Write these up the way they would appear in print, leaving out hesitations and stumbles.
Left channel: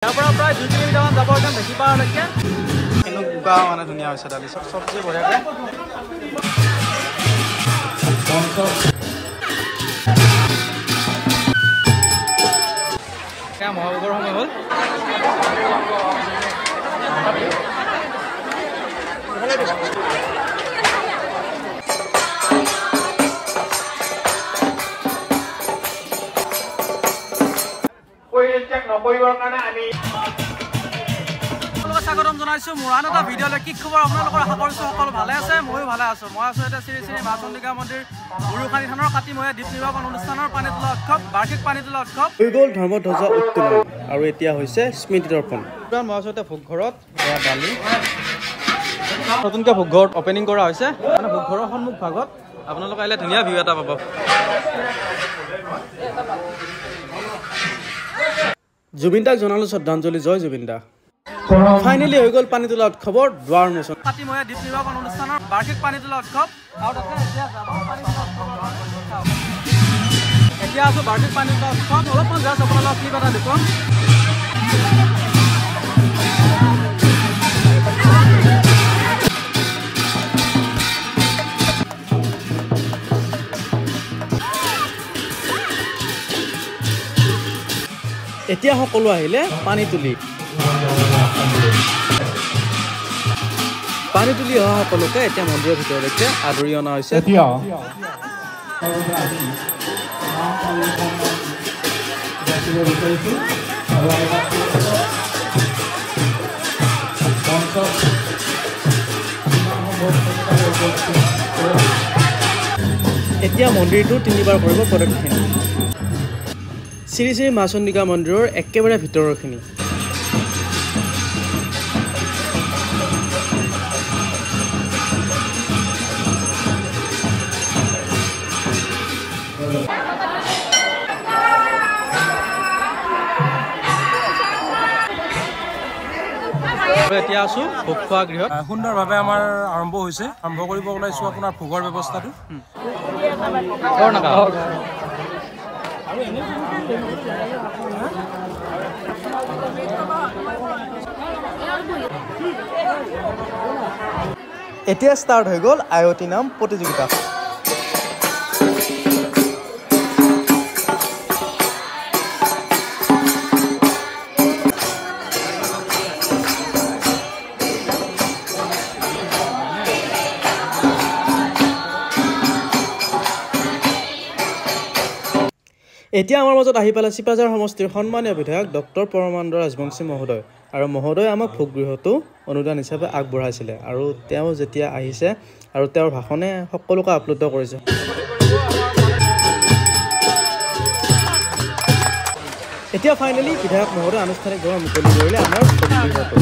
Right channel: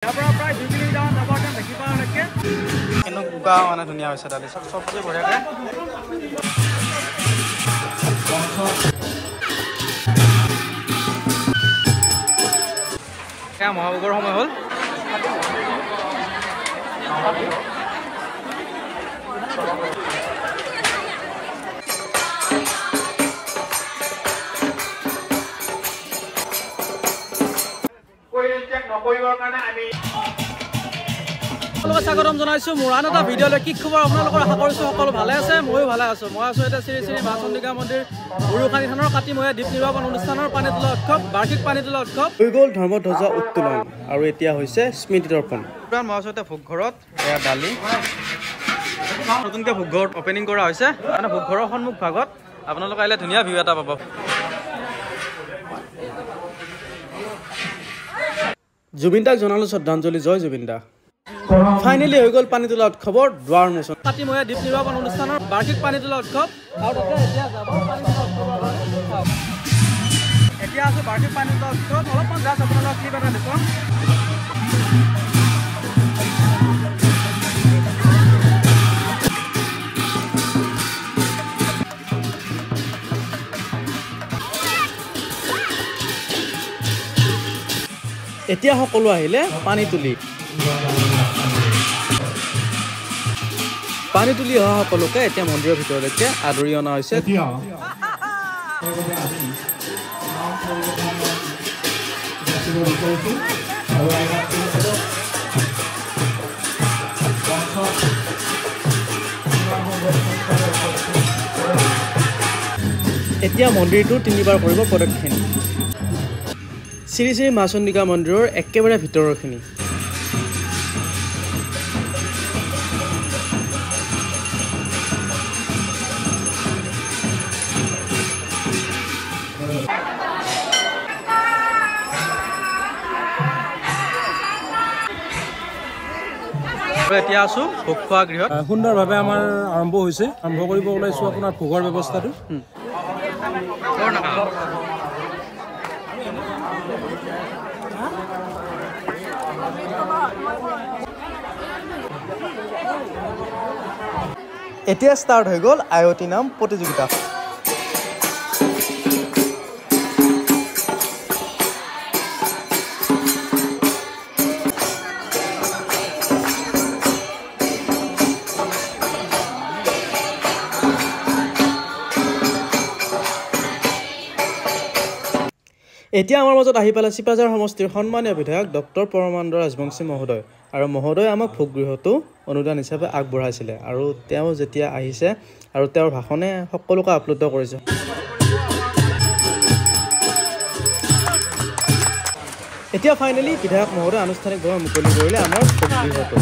ইয়াৰ পৰা প্ৰায় 2 কিলোমিটাৰমান যাব একদম দেখি পাওঁলৈকে কেনেকুৱা মানে ধুনীয়া হৈছে দালি চব্জি বঢ়িয়াকৈ এয়া মহাভোগৰ সময় হ'ল স্বাগতম জনাইছো মোৰ আন এটা ভিডিঅ'লৈ কি খবৰ আপোনালোকৰ আশা কৰিছো সকলো ভালে আছে ময়ো ভালে আছো মই আছো এতিয়া শ্ৰী শ্ৰী মা চন্দিকা মন্দিৰ গুৰুখানী থানৰ কাতিমহীয়া দ্বীপ নিৰ্বাপন অনুষ্ঠানৰ পানী তোলা উৎসৱ বাৰ্ষিক পানী তোলা উৎসৱ হৈ গ'ল ধৰ্মধ্বজা উত্তোলন আৰু এতিয়া হৈছে স্মৃতি দৰ্পণ মই আছো এতিয়া ভোগঘৰত এয়া দালি নতুনকৈ ভোগঘৰত অপেনিং কৰা হৈছে মানে ভোগঘৰৰ সন্মুখ ভাগত আপোনালোকে আহিলে ধুনীয়া ভিউ এটা পাব জুবিন দাক জনালো শ্ৰদ্ধাঞ্জলি জয় জুবিন দা ফাইনেলি হৈ গ'ল পানী তোলা উৎসৱৰ দুৱাৰ মোচন কাতিমহীয়া দ্বীপ নিৰ্বাপন অনুষ্ঠানৰ বাৰ্ষিক পানী তোলা উৎসৱ আৰু তাতে এতিয়া যাব পানী তোলা উৎসৱৰ এতিয়া আছো বাৰ্ষিক পানী তোলা উৎসৱ অলপমান জাষ্ট আপোনালোকক ক্লিপ এটা দেখুৱাম এতিয়া সকলো আহিলে পানী তুলি অহা সকলোকে এতিয়া মন্দিৰৰ ভিতৰলৈকে আদৰি অনা হৈছে এতিয়া মন্দিৰটো 3বাৰ কৰিব প্ৰদক্ষিণ শ্ৰী শ্ৰী মা চন্দিকা মন্দিৰৰ একেবাৰে ভিতৰৰখিনি এতিয়া আছো ভোগ খোৱা গৃহত সুন্দৰভাৱে আমাৰ আৰম্ভ হৈছে আৰম্ভ কৰিব ওলাইছো আপোনাৰ ভোগৰ ব্যৱস্থাটো এতিয়া ষ্টাৰ্ট হৈ গ'ল আয়তী নাম প্ৰতিযোগিতা এতিয়া আমাৰ মাজত আহি পালে চিপাঝাৰ সমষ্টিৰ সন্মানীয় বিধায়ক ডক্টৰ পৰমানন্দ ৰাজবংশী মহোদয় আৰু মহোদয় আমাক ভোগগৃহটো অনুদান হিচাপে আগবঢ়াইছিলে আৰু তেওঁ যেতিয়া আহিছে আৰু তেওঁৰ ভাষণে সকলোকে আপ্লুত কৰিছে এতিয়া ফাইনেলি বিধায়ক মহোদয় আনুষ্ঠানিকভাৱে মুকলি কৰিলে আমাৰ ভোগগৃহটো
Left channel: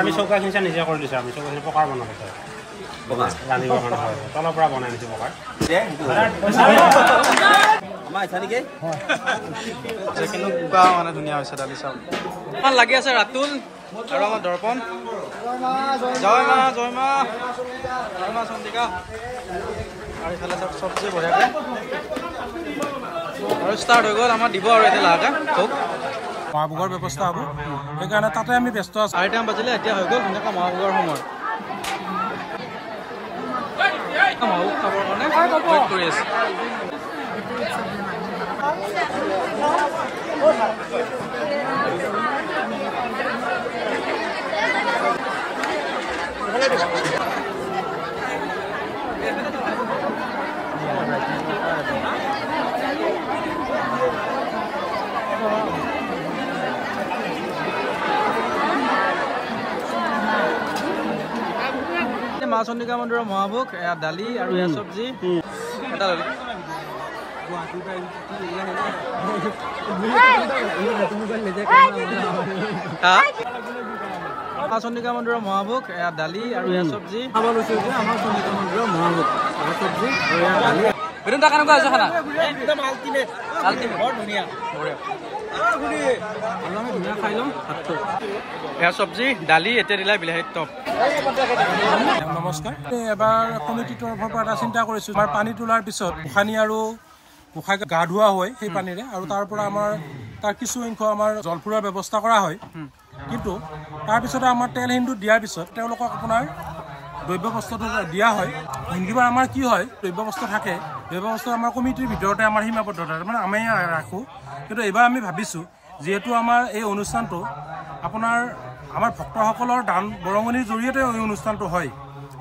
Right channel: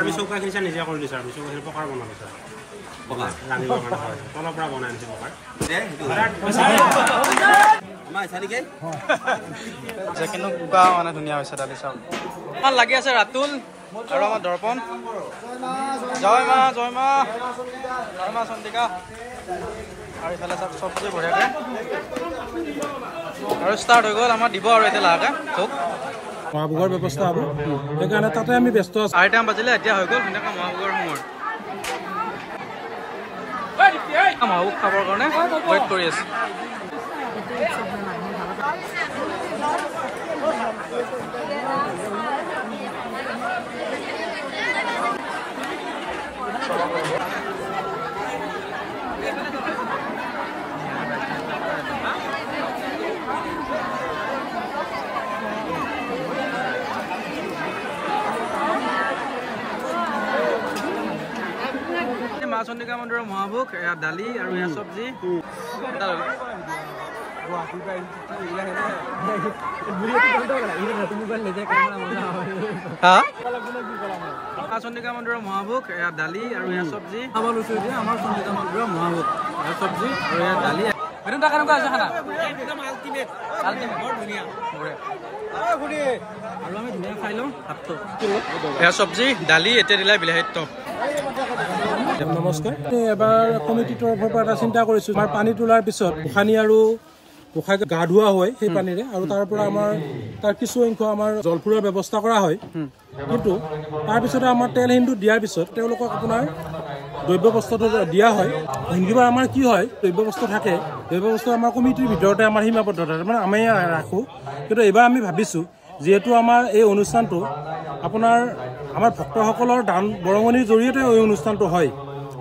আমি চৌকা কিনছা নিজে কৰি দিছোঁ আমি চৌকা পকাৰ বনাব জানিবৰ কাৰণে হয় তলৰ পৰা বনাই আনিছোঁ পকাৰ কেনেকুৱা মানে ধুনীয়া হৈছে দালি চাউল আমাৰ লাগি আছে ৰাতুল আৰু আমাৰ দৰ্পণ জয় মা চন্দিকা আৰু ইফালে চাওক চব্জি বঢ়িয়াকৈ আৰু ষ্টাৰ্ট হৈ গ'ল আমাৰ দিব আৰু এতিয়া লাহেকৈ খুব মহাভোগৰ ব্যৱস্থা হ'ব সেইকাৰণে তাতে আমি ব্যস্ত আছোঁ 8টা বাজিলে এতিয়া হৈ গ'ল ধুনীয়াকৈ মহাভোগৰ সময় মহাভোগ খাবৰ কাৰণে ৱেইট কৰি আছে মা চন্দিকা মন্দিৰৰ মহাভোগ এয়া দালি আৰু এয়া চব্জি এটা লৈ মা চন্দিকা মন্দিৰৰ মহাভোগ এয়া দালি আৰু এয়া চব্জি খাব লৈছো যে আমাৰ চন্দিকা মন্দিৰৰ মহাভোগ এয়া চব্জি আৰু এয়া দালি বেদুনটা কেনেকুৱা হৈছে খানা একদম আল্টিমেট বৰ ধুনীয়া বঢ়িয়া আৰু আমি ধুনীয়া খাই লওঁ ভাতটো এয়া চব্জি দালি এতিয়া দিলা বিলাহীৰ টপ নমস্কাৰ এবাৰ কমিটিৰ তৰফৰ পৰা এটা চিন্তা কৰিছোঁ আমাৰ পানী তোলাৰ পিছত গোসানী আৰু গোসাঁই গা ধোৱা হয় সেই পানীৰে আৰু তাৰ পৰা আমাৰ তাৰ কিছু সংখ্যক আমাৰ জলফুৰৰ ব্যৱস্থা কৰা হয় কিন্তু তাৰপিছতে আমাৰ তেল সিন্দু দিয়াৰ পিছত তেওঁলোকক আপোনাৰ দ্ৰব্য বস্তুটো দিয়া হয় হিন্দীবাৰ আমাৰ কি হয় দ্ৰব্য বস্তু থাকে দ্ৰব্য বস্তু আমাৰ কমিটিৰ ভিতৰতে আমাৰ সীমাবদ্ধতা মানে আমি ৰাখোঁ কিন্তু এইবাৰ আমি ভাবিছোঁ যিহেতু আমাৰ এই অনুষ্ঠানটো আপোনাৰ আমাৰ ভক্তসকলৰ দান বৰঙণিৰ জৰিয়তে এই অনুষ্ঠানটো হয়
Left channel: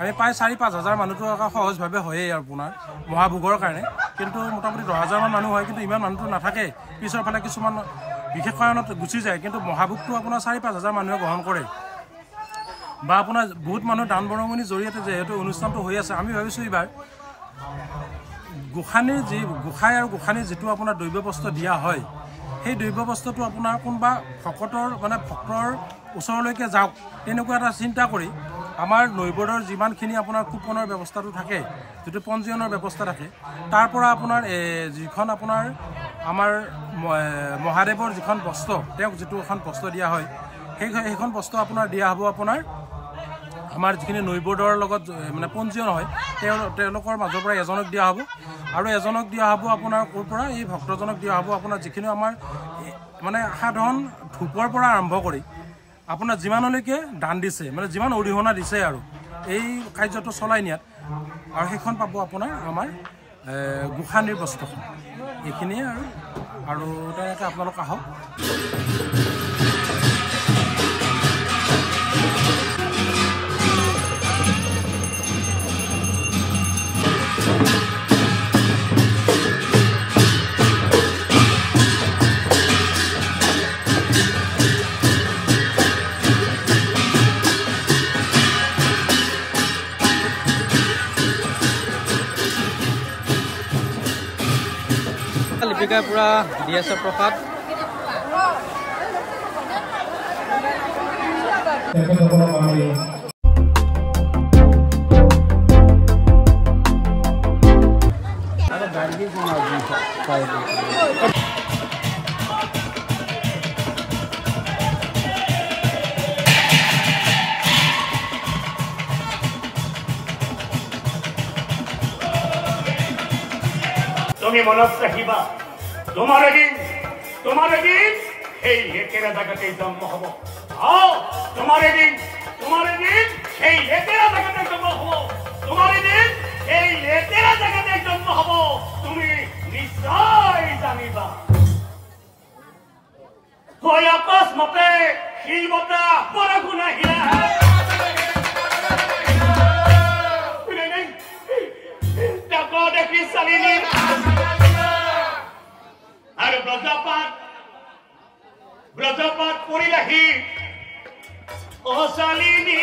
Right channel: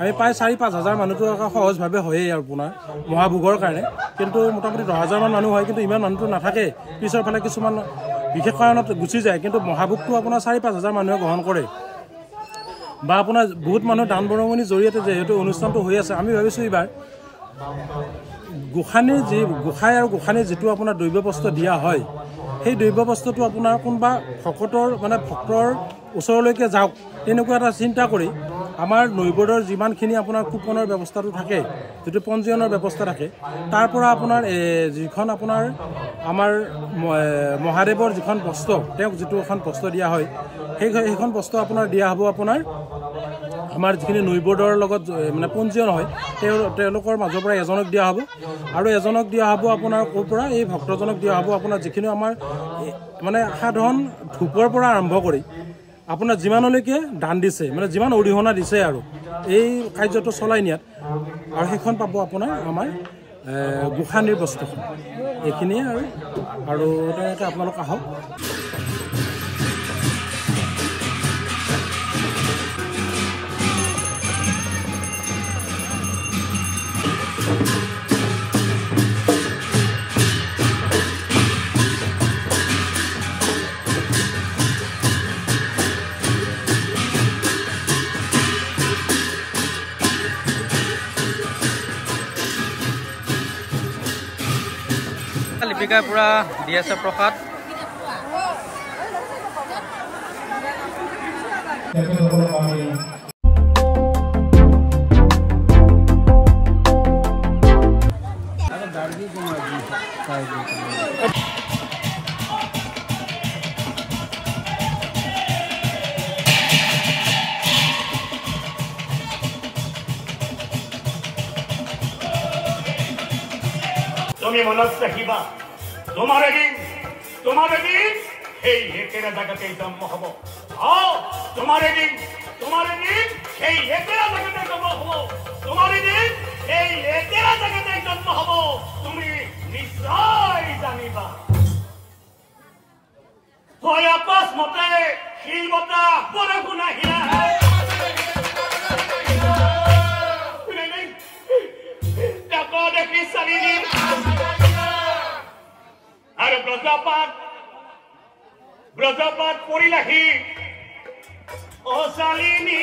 আমি প্ৰায় 4-5 হাজাৰ মানুহটো সহজভাৱে হয়েই আপোনাৰ মহাভোগৰ কাৰণে কিন্তু মোটামুটি 10,000 মান মানুহ হয় কিন্তু ইমান মানুহটো নাথাকে পিছৰ ফালে কিছুমান বিশেষ কাৰণত গুচি যায় কিন্তু মহাভোগটো আপোনাৰ 4-5 হাজাৰ মানুহে গ্ৰহণ কৰে বা আপোনাৰ বহুত মানুহ দান বৰঙণিৰ জৰিয়তে যিহেতু অনুষ্ঠানটো হৈ আছে আমি ভাবিছোঁ এইবাৰ গোসাঁই আৰু গোসাঁনীৰ যিটো আপোনাৰ দ্ৰব্য বস্তু দিয়া হয় সেই দ্ৰব্য বস্তুটো আপোনাৰ কোনোবা ভকতৰ মানে ভক্তৰ ওচৰলৈকে যাওক তেনেকুৱা এটা চিন্তা কৰি আমাৰ নৈবদৰ যিমানখিনি আপোনাৰ কুপনৰ ব্যৱস্থাটো থাকে যিটো পঞ্জীয়নৰ ব্যৱস্থা থাকে তাৰ পৰা আপোনাৰ যিখন আপোনাৰ আমাৰ মহাদেৱৰ যিখন বস্ত্ৰ তেওঁক যিটো এখন বস্ত্ৰ দিয়া হয় সেইখন বস্ত্ৰ আপোনাৰ দিয়া হ'ব আপোনাৰ আমাৰ যিখিনি নৈবদৰ লগত মানে পঞ্জীয়ন হয় তেওঁলোকৰ মাজৰ পৰা এজনক দিয়া হ'ব আৰু এজনক দিয়া হ'ব আপোনাৰ ক'ৰ পৰা এই ভক্তজনক দিয়া হ'ব আপোনাৰ যিখিনি আমাৰ মানে সাধাৰণ ধূপৰ পৰা আৰম্ভ কৰি আপোনাৰ যিমানলৈকে দান দিছে মানে যিমান অৰিহণা দিছে আৰু এই কাৰ্যটো চলাই নিয়াত আৰু সেইখন পাব আপোনাৰ আমাৰ গোসাঁনীৰ বস্ত্ৰখন এইখিনিয়ে আৰু তেনেকৈ আপোনালোক আহক লিপিকাই পুৰা দি আছে প্ৰসাদ তুমি মনত ৰাখিবা তোমাৰ এদিন এই একেৰা জাগাতে জন্ম হ'ব তোমাৰ এদিন সেই একেৰা জাগাতে জন্ম হ'ব তোমাৰ এদিন এই একেৰা জাগাতে জন্ম হ'ব তুমি নিশ্চয় জানিবা হয় আকস্মাতে শিলবতা বৰষুণ আহিলা দেখি চালিনি আৰু ব্ৰজপাত পৰিলাহি অচালিনী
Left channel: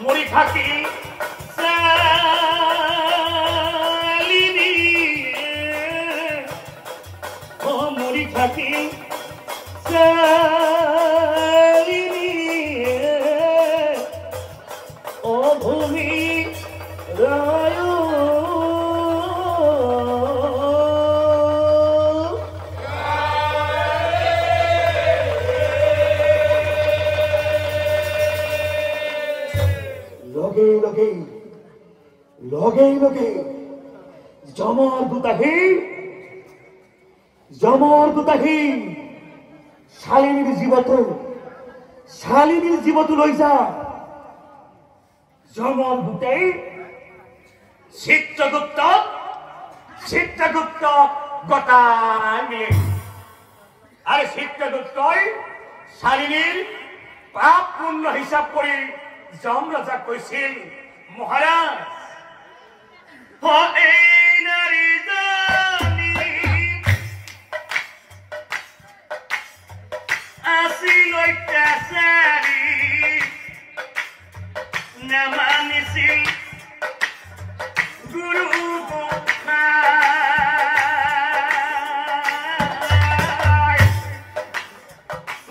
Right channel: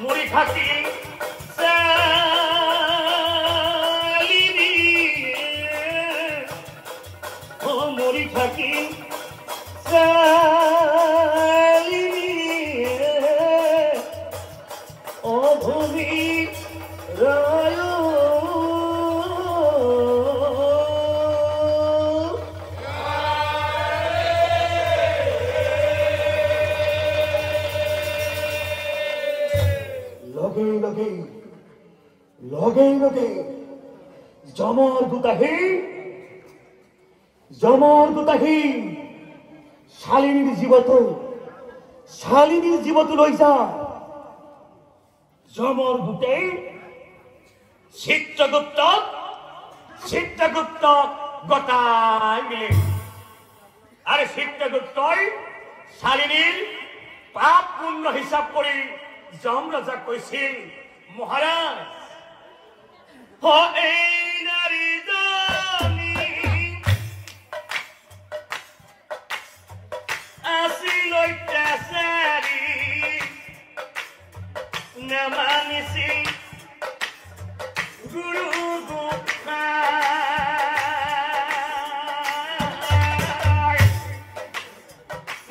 মুড়ি থাকি লগে জমৰ দুটাহি শালিনীৰ জীৱটো লৈ যা জমৰ দুটাই চিত্ৰগুপ্ত গতাই আৰু চিত্ৰগুপ্তই শালিনীৰ পাপ পুণ্য হিচাপ কৰি যম ৰজাক কৈছিল মহাৰাজ এই নাৰীজনী আছিল অত্যাচাৰী নামানিছিল গুৰু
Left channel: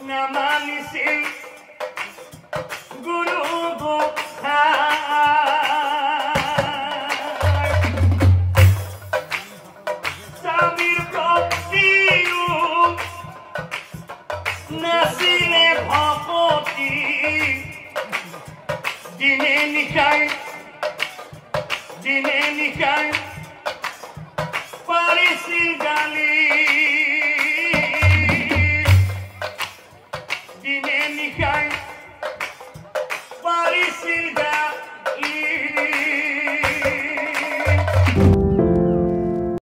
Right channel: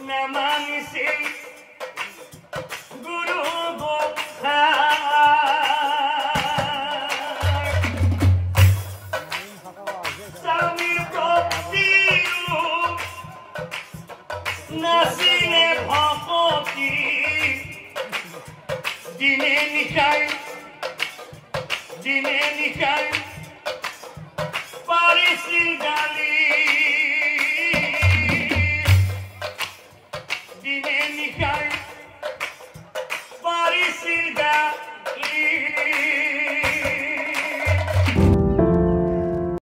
নামানিছিল গুৰু দিনে নিশায় পাৰিছিল গালি দিনে নিশায় পাৰিছিল